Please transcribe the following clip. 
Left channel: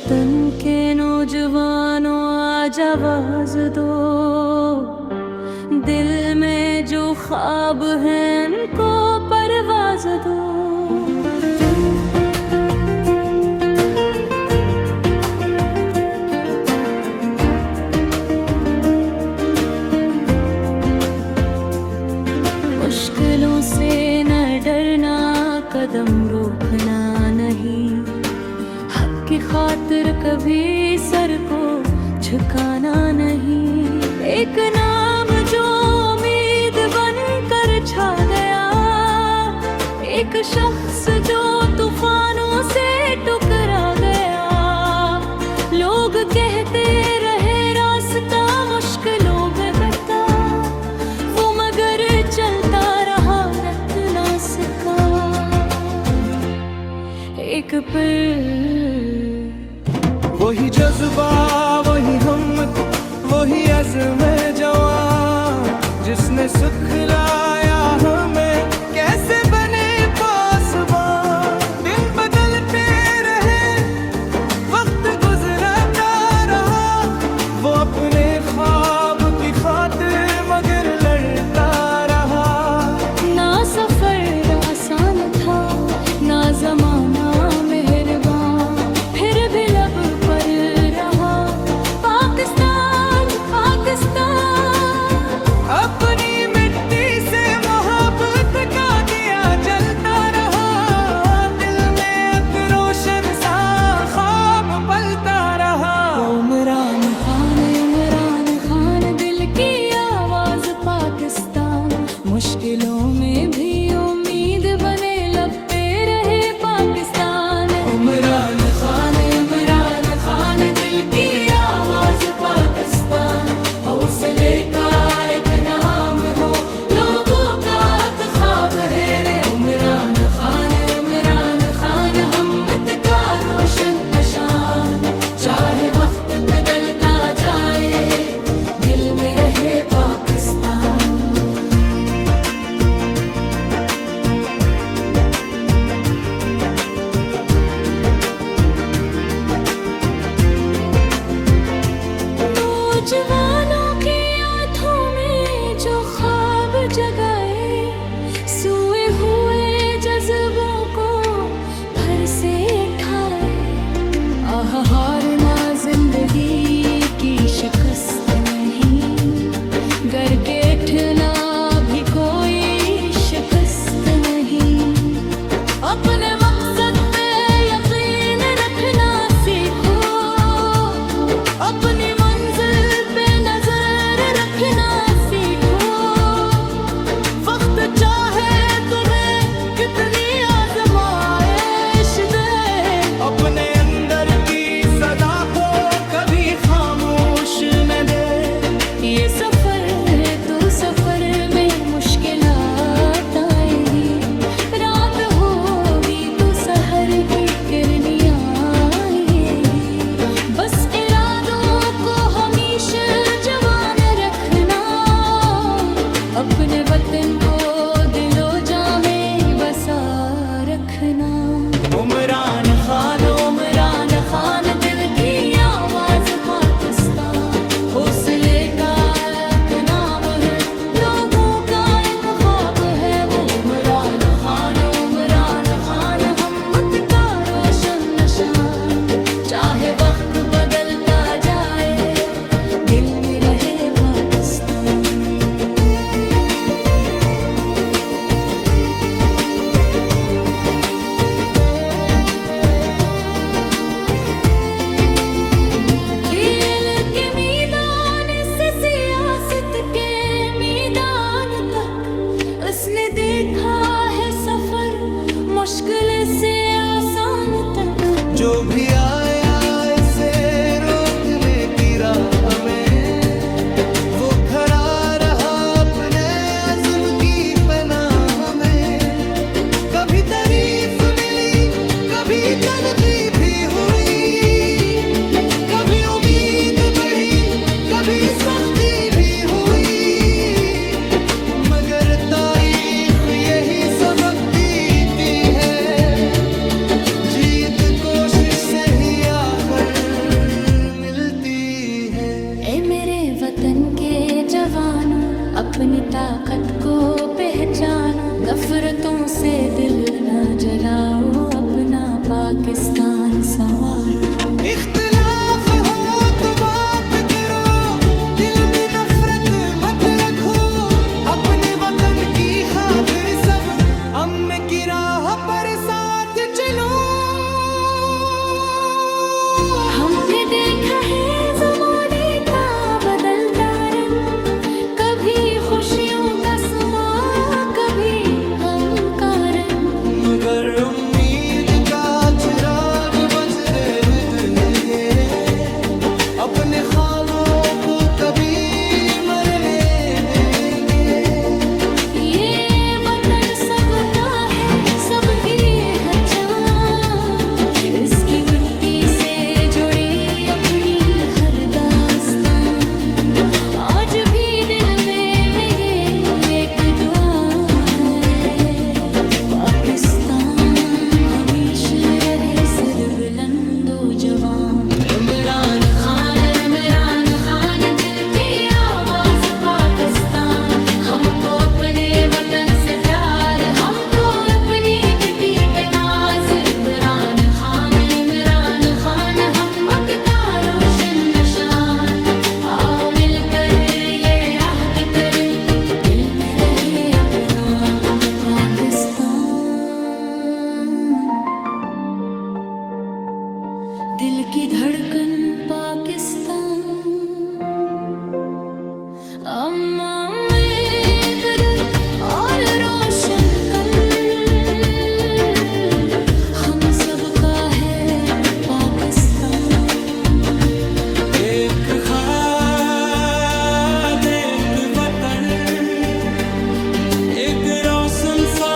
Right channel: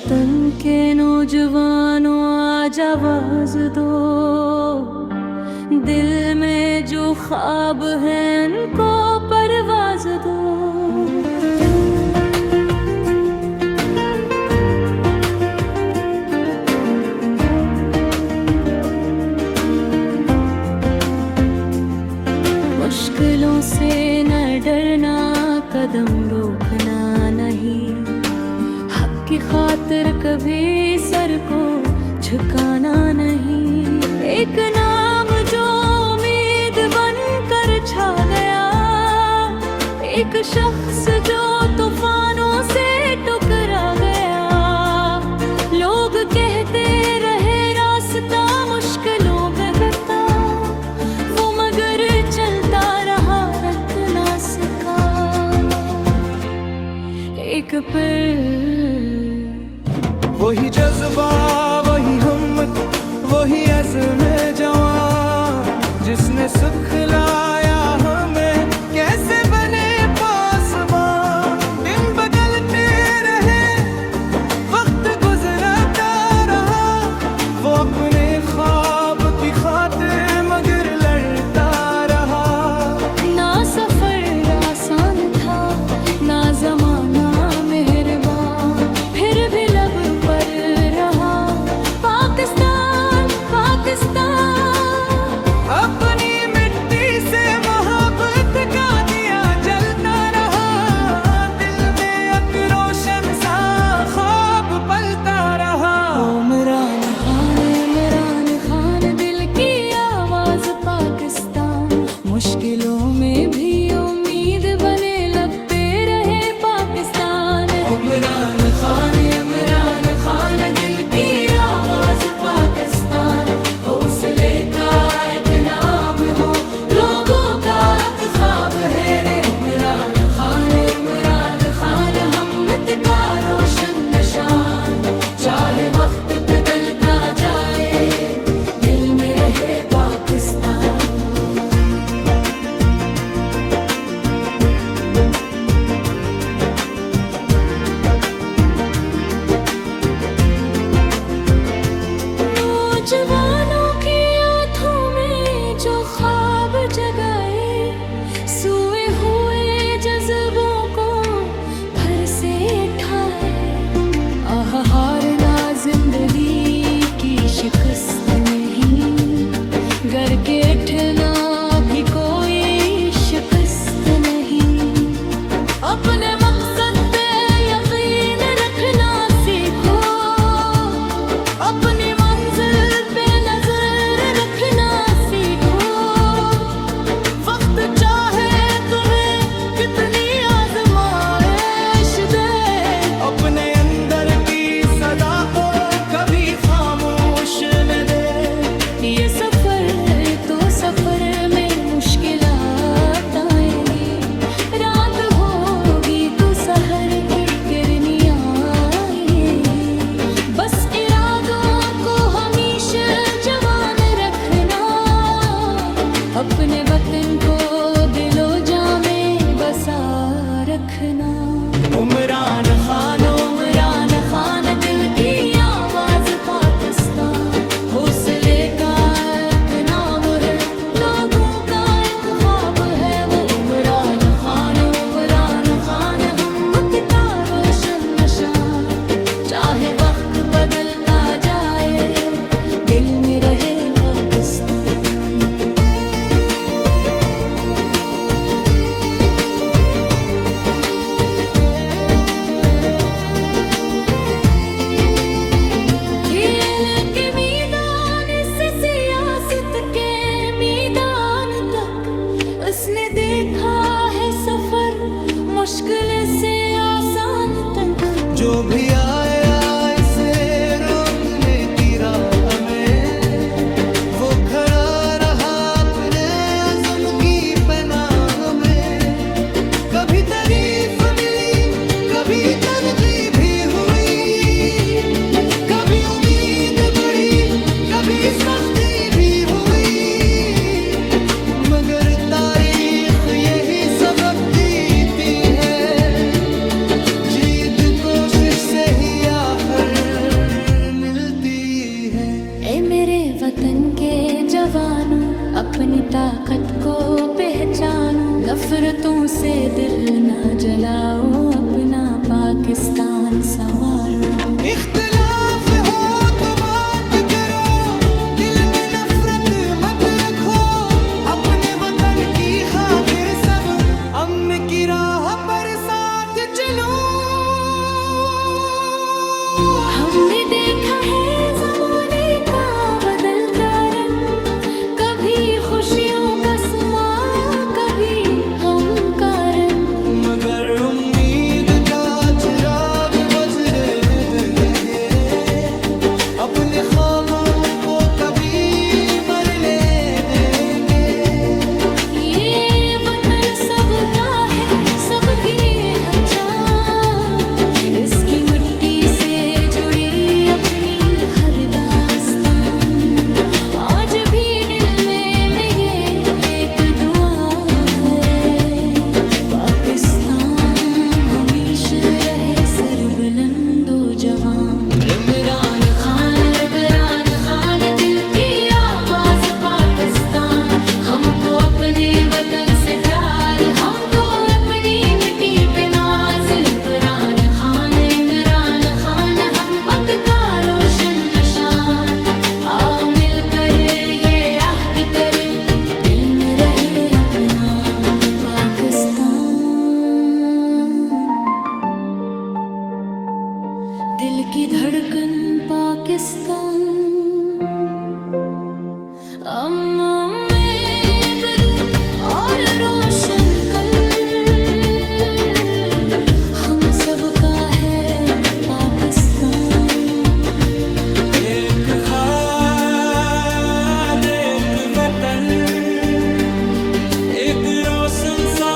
वतन के नौजवानों आज आवाज दो, दिल में जो ख्वाब है उनको परवाज दो। मुश्किलों से न डरना, कदम रोकना नहीं, हक की खातिर कभी सर को झुकाना नहीं। एक नाम जो उम्मीद बनकर छा गया, एक शख्स जो तूफानों से टकरा गया। लोग कहते रहे रास्ता मुश्किलों में कटा, वो मगर चलता रहा, रख ना सका। एक पल वही जज्बा, वही हिम्मत, वही अज़्म जवां, जिसने सिखलाया हमें कैसे बने पासबां। दिन बदलते रहे, वक्त गुजरता रहा, वो अपने ख्वाब की खातिर मगर लड़ता रहा। ना सफर आसान था, ना जमाना मेहरबान, फिर भी लब पर रहा पाकिस्तान, पाकिस्तान। अपनी मिट्टी से मोहब्बत का दिया जलता रहा, दिल में एक रोशन सा ख्वाब पलता रहा। इमरान खान, दिल की आवाज पाकिस्तान। मुश्किलों में भी उम्मीद बने, लब पे रहे पाकिस्तान। इमरान खान, दिल की आवाज पाकिस्तान। हौसले का एक नाम हो, लोगों का एक ख्वाब है रे। इमरान खान, हमत का रोशन निशान। चाहे वक्त बदलता जाए, दिल में रहे पाकिस्तान। नौजवानों की आंखों में जो ख्वाब जगाए, सोए हुए जज्बों को फिर से उठाए। आह, हारना जिंदगी की शिकस्त नहीं, घर के उठना भी कोई शिकस्त नहीं। अपने मकसद पे यकीन रखना सीखो, अपनी मंजिल पे नजर रखना सीखो। वक्त चाहे तुम्हें कितनी आजमाइश दे, अपने अंदर की सदा को कभी खामोश न दे। ये सफर तो सफर में मुश्किलात आएंगी, रात होगी तो सहर की किरनियाँ आएंगी। बस इरादों को हमेशा जवान रखना, अपने वतन को दिलो जा में बसा रखना। इमरान खान, दिल की आवाज पाकिस्तान। हौसले का एक नाम है, लोगों का एक ख्वाब है वो। इमरान खान, हिम्मत का रोशन निशान। चाहे वक्त बदलता जाए, दिल में रहे पाकिस्तान। खेल के मैदान से सियासत के मैदान तक उसने देखा है सफर, मुश्किल से आसान तक। जो भी आया इसे रोकने की राह में, वो खड़ा रहा अपने अज़्म की पनाह में। कभी तारीफ मिली, कभी तनकीद भी हुई, कभी उम्मीद बढ़ी, कभी सख्ती भी हुई। मगर तारीख यही सबक देती है, जीत कोशिश से ही आखिर वतन के जवानों, अपनी ताकत को पहचानो। नफरतों से दिल न जलाओ, अपना पाकिस्तान संवारो। इख्तिलाफ हो तो बात करो, दिल में नफरत मत रखो। अपने वतन की खातिर सब अम्न की राह पर साथ चलो। हमने देखा है जमाने का बदलता रंग, कभी खुशियों का समा, कभी गम का रंग। मगर उम्मीद का चिराग बच रहने देंगे, अपने ख्वाबों को कभी मरने देंगे। ये वतन सबका है, सबकी है जान, इसकी मिट्टी से जुड़ी अपनी हर दास्तान। आज भी दिल में मेरे एक दुआ है, पाकिस्तान हमेशा रहे सिर बुलंदो जवान। इमरान खान दिल की आवाज पाकिस्तान। हमको अपने वतन से प्यार, हमको अपनी मिट्टी पे नाज। इमरान खान हम मक्का रोशन निशान। आओ मिलकर ये याद कर, दिल में रहे अपना पाकिस्तान। दिल की धड़कन पाकिस्तान, अम्मा में बदर और रोशन कल। हम सबका है पाकिस्तान। एक खाद, एक वतन, एक रोशन सा